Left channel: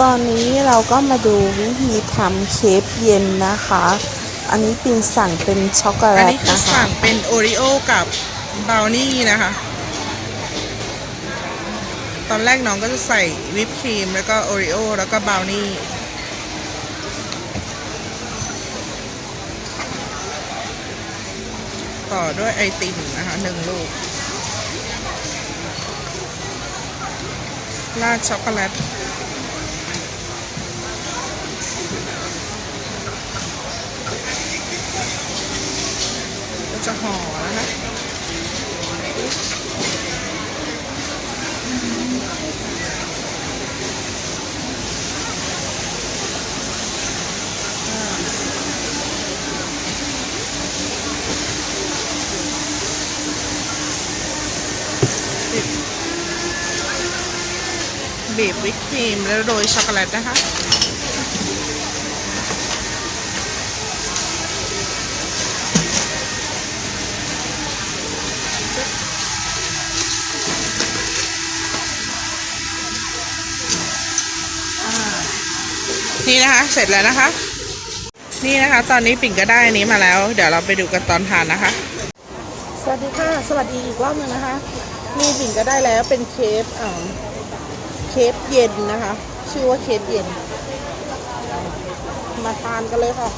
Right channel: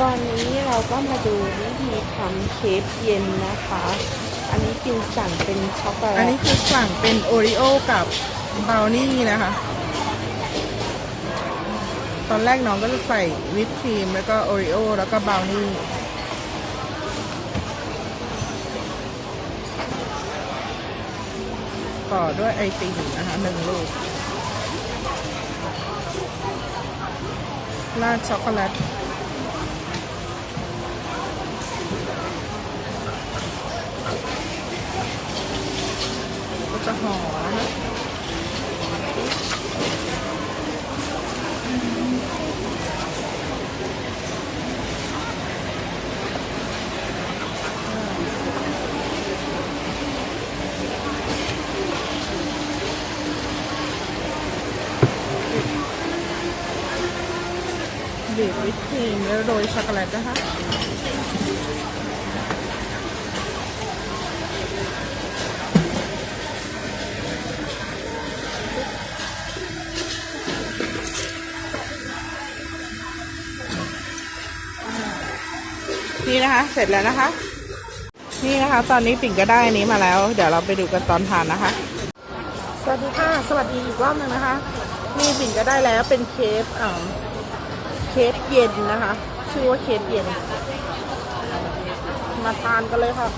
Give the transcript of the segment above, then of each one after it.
ตอนนี้เราก็มาดูวิธีทำเค้กเย็นนะคะ อันนี้ปินสั่งเป็นช็อกโกแลตอันนี้คือสั่งเป็นโอริโอกับบราวนี่นะคะ ตอนแรกน้องก็จะใส่วิปครีมแล้วก็โอริโอแล้วก็บราวนี่ต่อด้วยไอติมนะคะหนึ่งลูกราดช็อกโกแลต ก็จะ ห่อนะคะบีบวิปครีมแล้วโรยช็อกโกแลตนะคะ นี่นะคะ เสร็จแล้วนะคะ นี่นะคะ ตอนนี้ปิ่นก็ได้อันนี้มาแล้ว เดี๋ยวเราไปดูกันตอนทานนะคะ สวัสดีค่ะ สวัสดีอีกรอบหนึ่งนะคะ นี่ปิ่นก็ได้แล้วเป็นเคฟอ่าเคฟเย็นนะคะ ชื่อว่าเคฟเย็น มาทานกันเลยค่ะ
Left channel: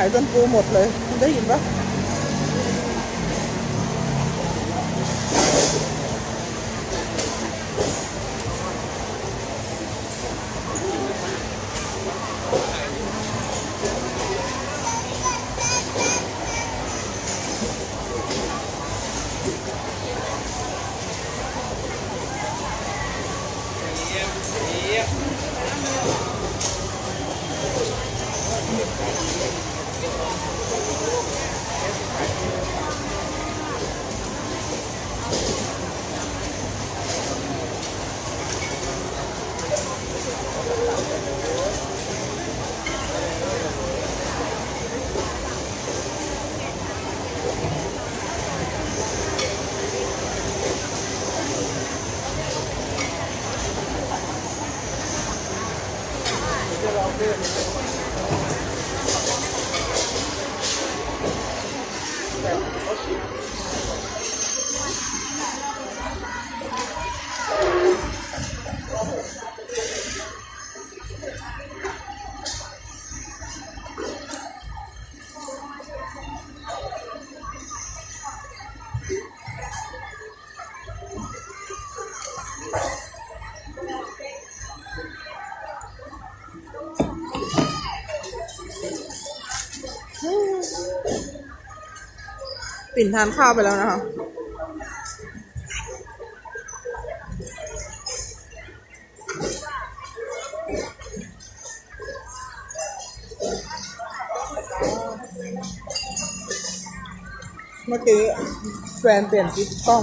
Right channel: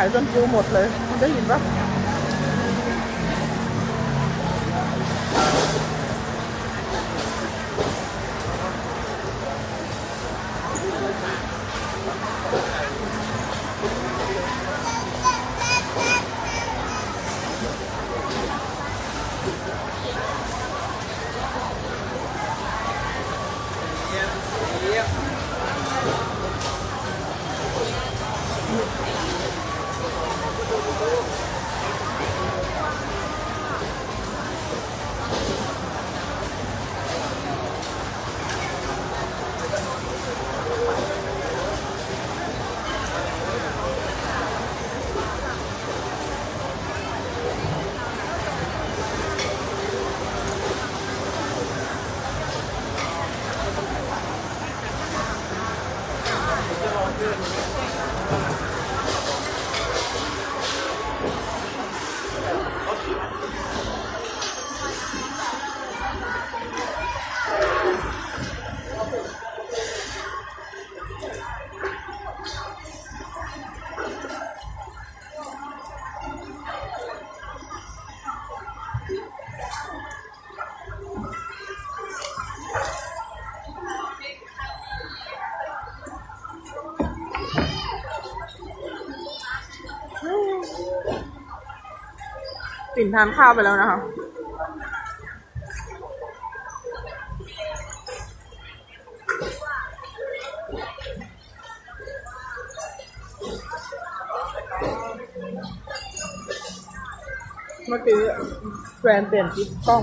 ายจนปูหมดเลย คุณได้ยินปะ Good. ปิ่นทานข้าวไปแล้วนะคะเมื่อกี้แฟนเปลี่ยนทิศกล้อง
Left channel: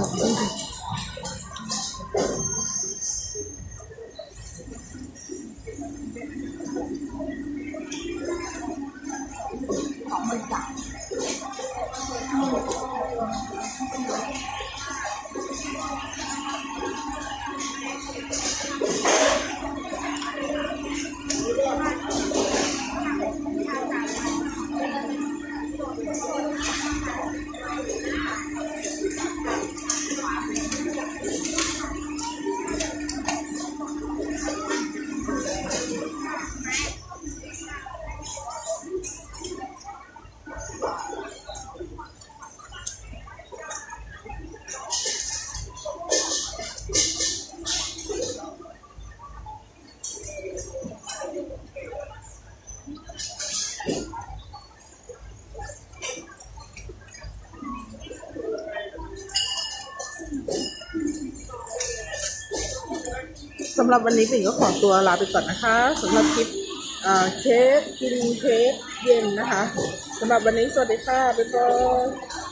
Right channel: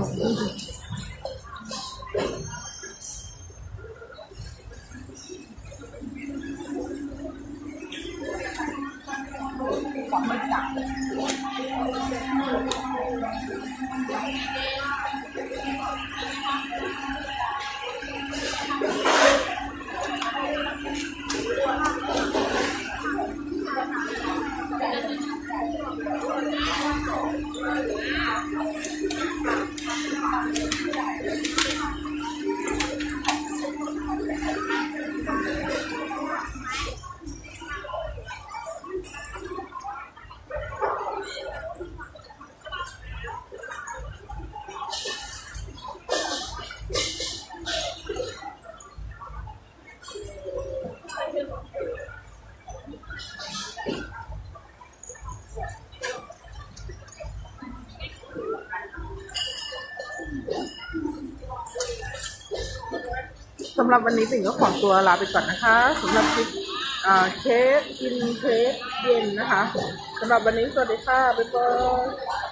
สำหรับวันนี้ปิ่นก็ขอตัวลาไปก่อนนะคะสำหรับคลิปเค้กกินเค้กเย็นนะคะสำหรับวันนี้สวัสดีค่ะบ๊ายบาย